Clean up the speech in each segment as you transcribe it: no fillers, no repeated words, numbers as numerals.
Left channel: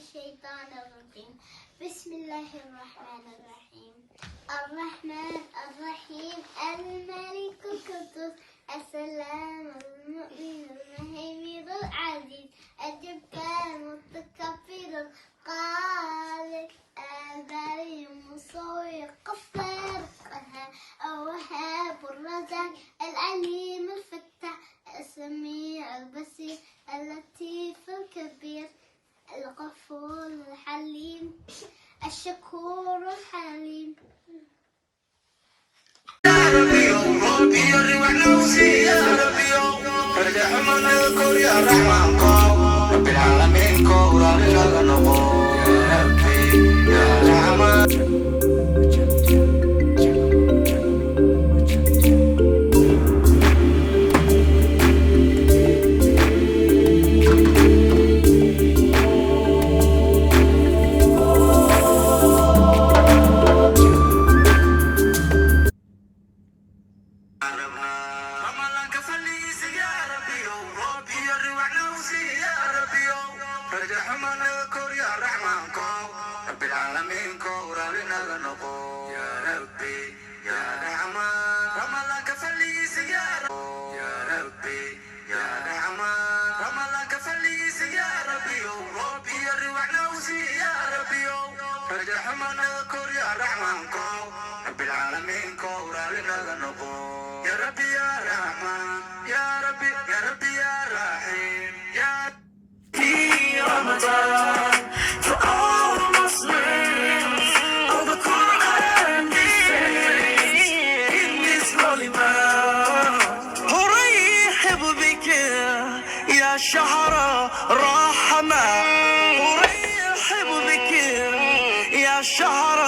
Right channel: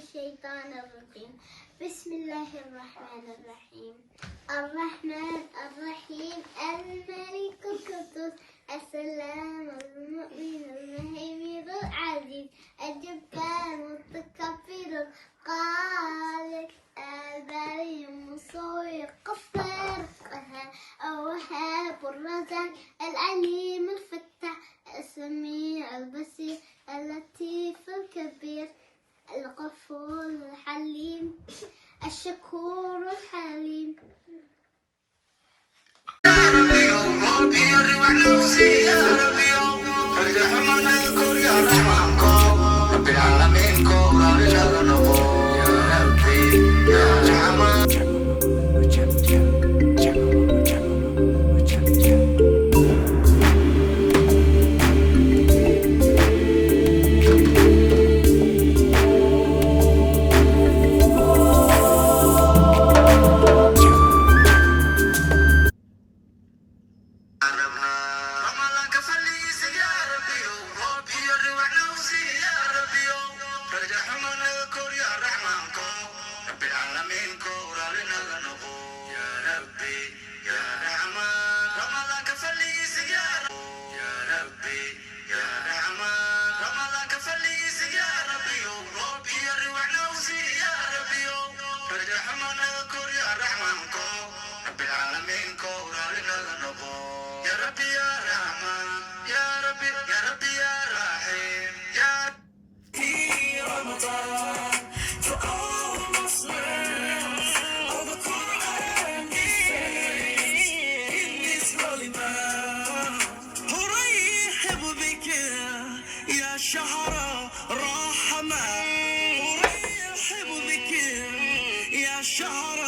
الشيطان الرجيم. بسم الله الرحمن الرحيم. الرحمن الرحيم الملك القدوس السلام المؤمن المهيمن العزيز الجبار المتكبر الخالق البارئ المصور الغفار الوهاب الرزاق العليم الفتاح السميع البصير اللطيف الكبير الغفور الحليم الشكور الحليم. يا ربي يوم ربي يرحمنا وسي يا ربي يوم ارحمنا الكون يا رحمن كون رب العالمين كون ربنا نقول يا ربي يا رحمن. شهر رحمة ورحب بك يا شهر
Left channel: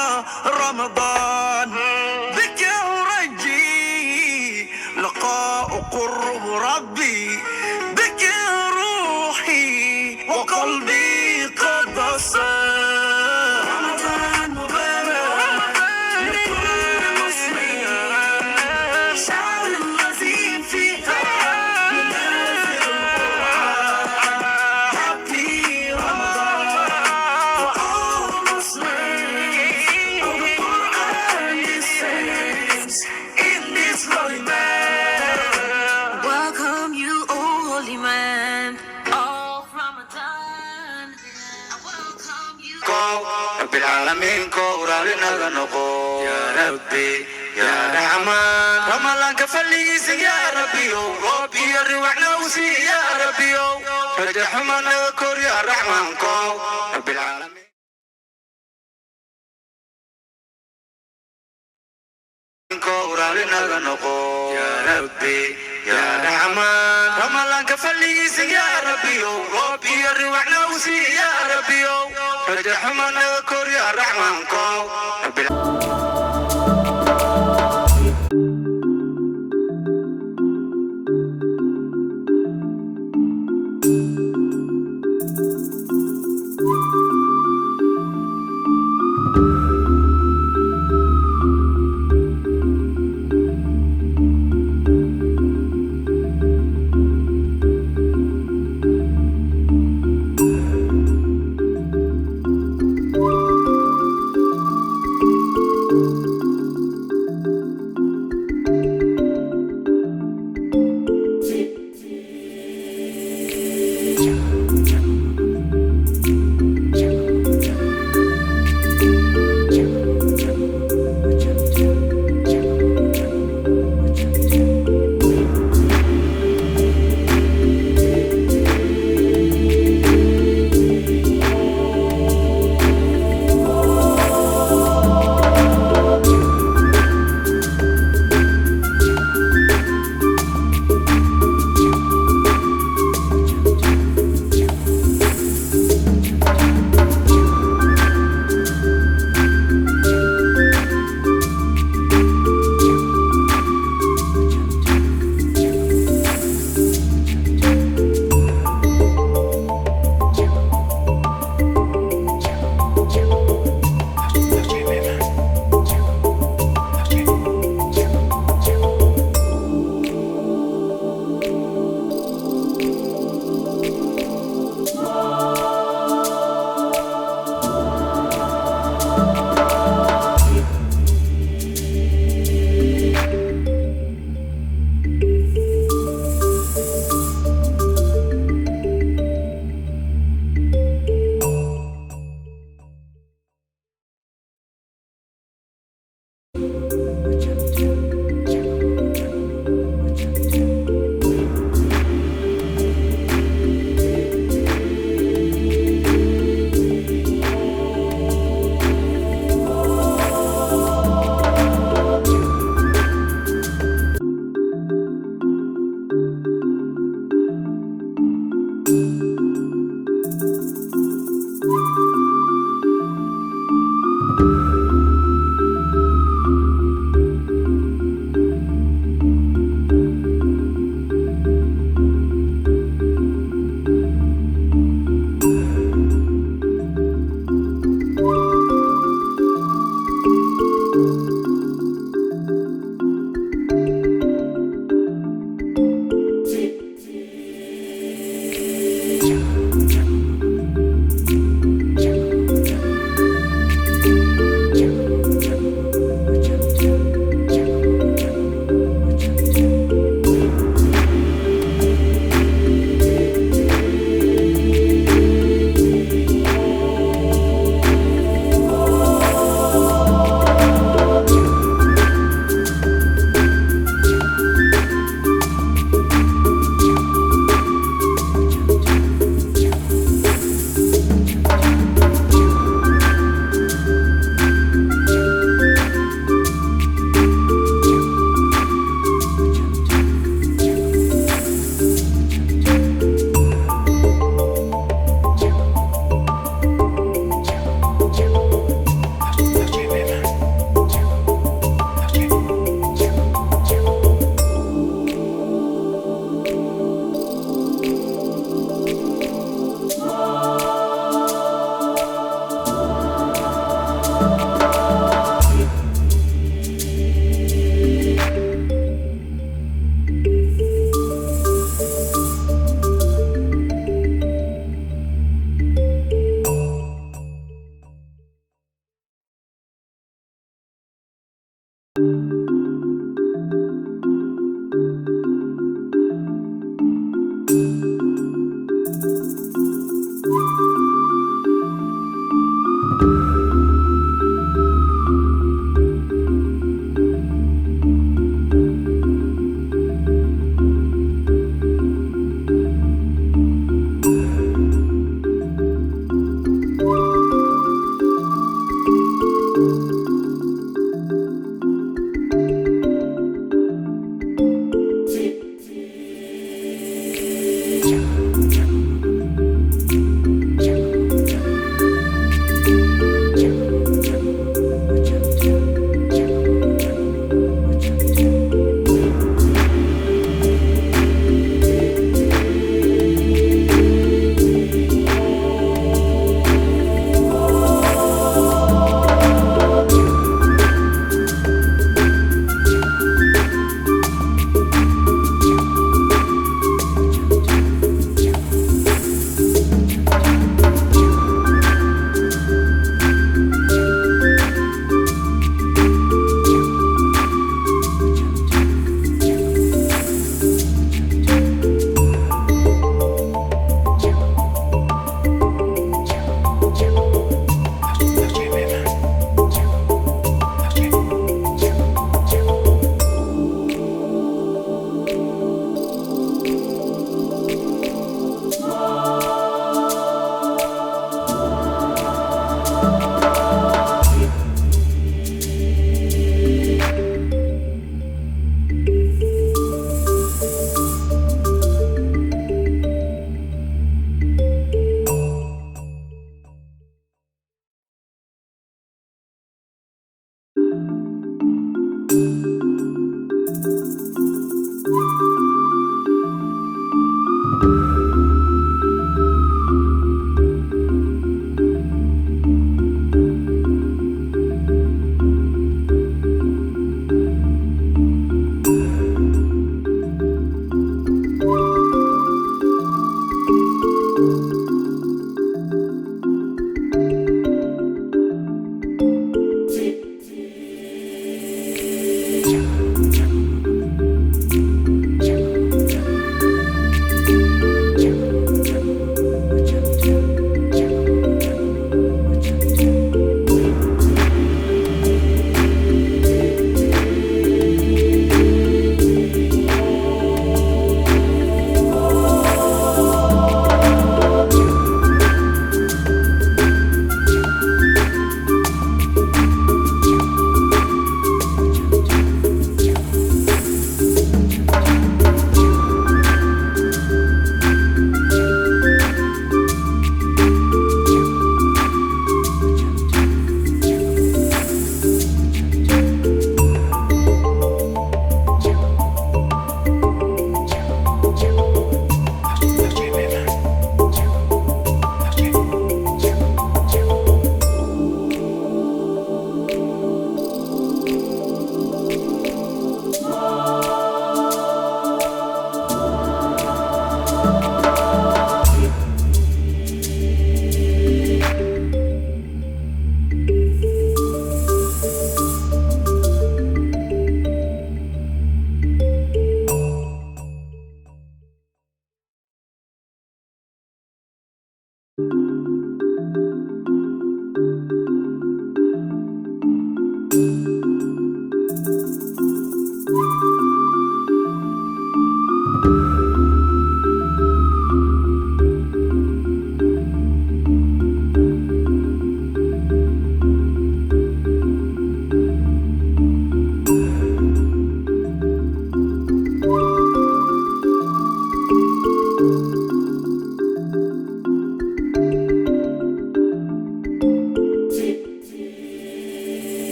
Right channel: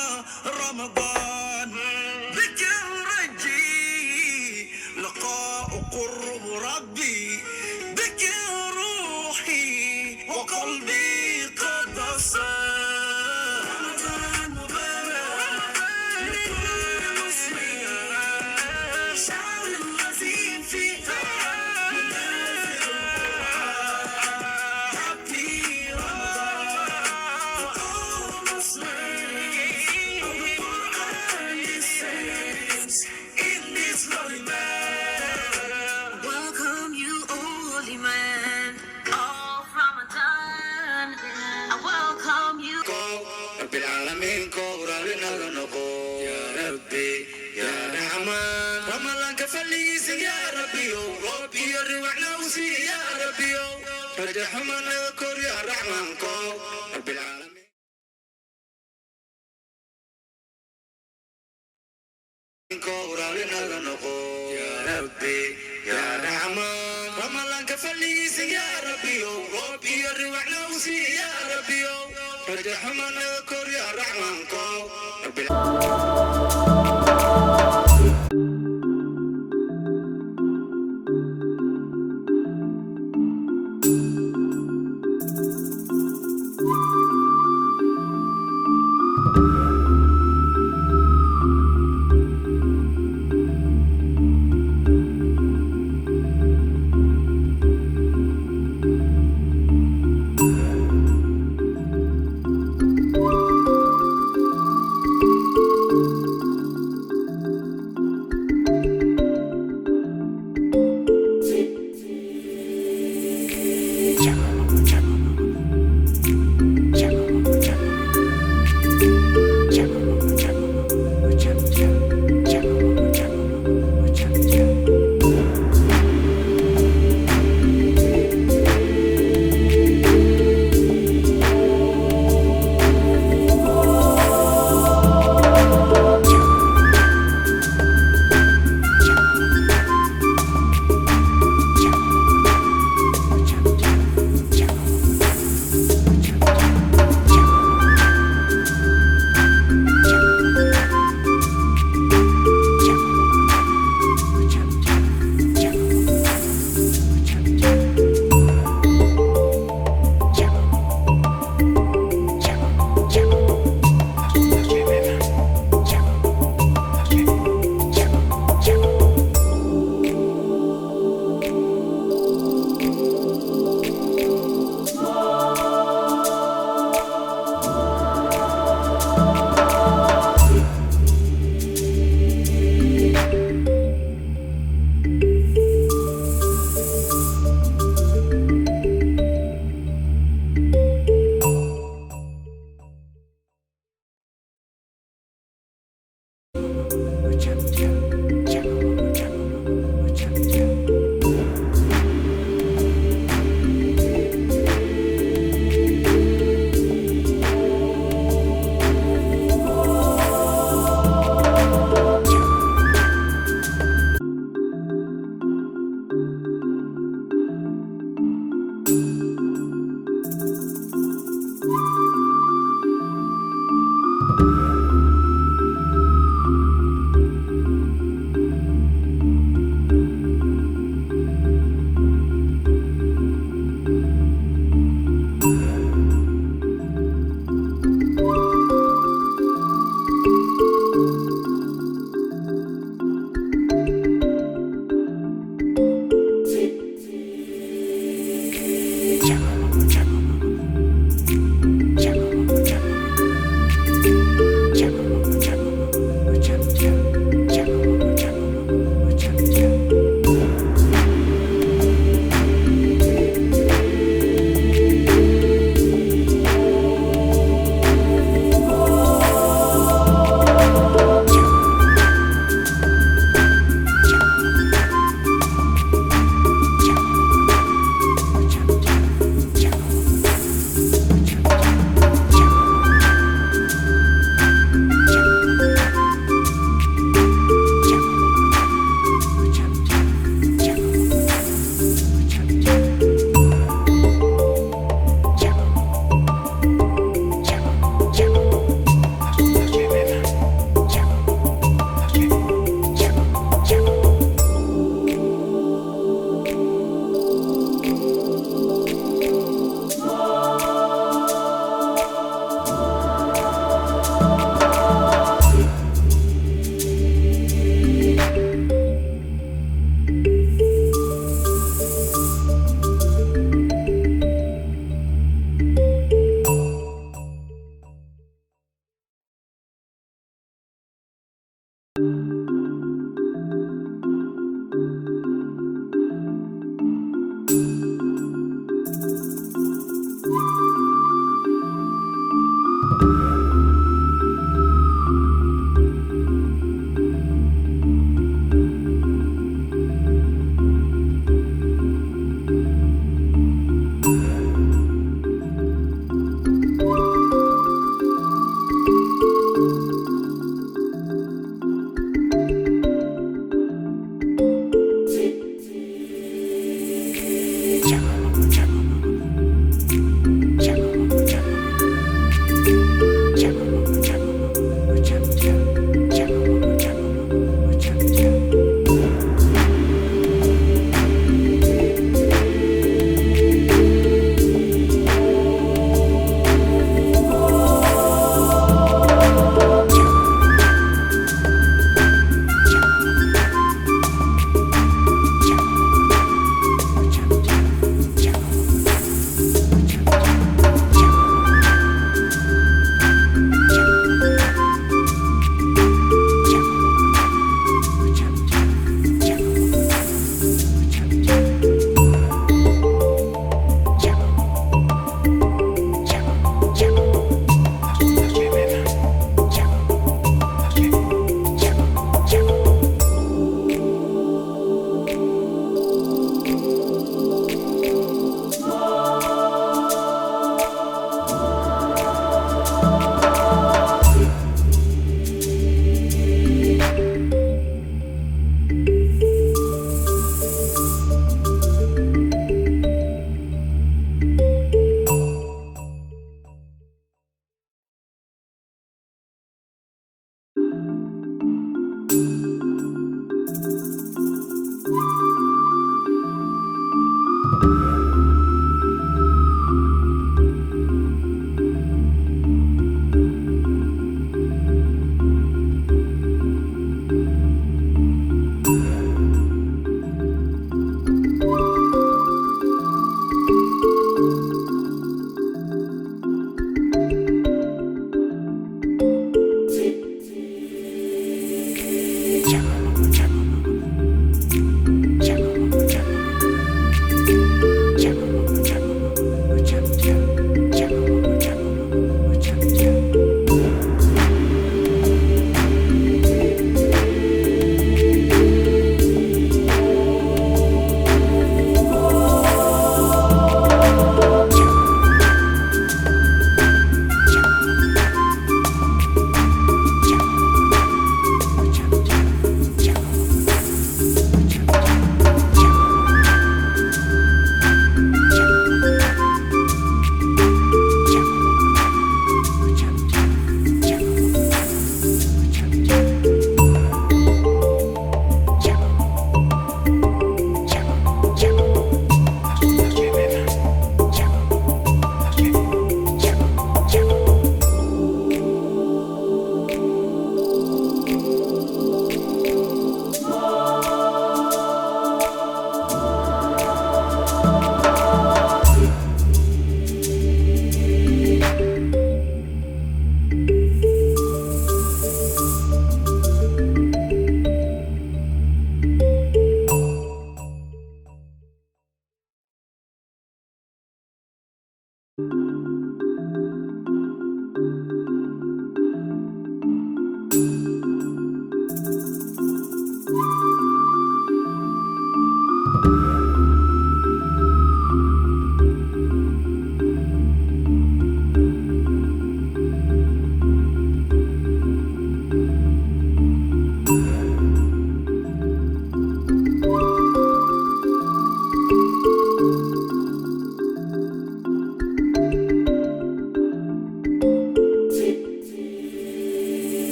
رمضان بك ورجي لقاء قرب ربي بك روحي وقلبي قد صار. رمضان مبارك لكل مسلم شعر الذي فيها بالعالمين كورالنا نقول يا ربي يا رحمن. رمضان كفليس يا ربي ربي يروحنا وسي يا ربي ارحمنا كور يا رحمن كور رب العالمين كورالنا نقول يا ربي يا رحمن. رمضان كفليس يا ربي ربي يروحنا وسي يا ربي ارحمنا كور يا رحمن كور رب العالمين.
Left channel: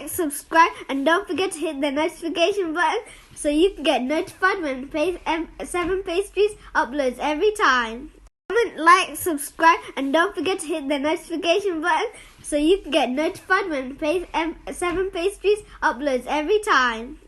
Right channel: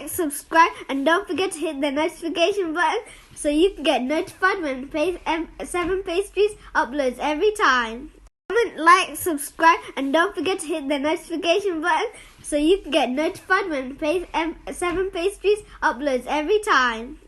like, subscribe, and don't forget to hit the notification button so you can get notified when 7 Pastries uploads every time. Comment, like, subscribe, and don't forget to hit the notification button so you can get notified when 7 Pastries uploads every time.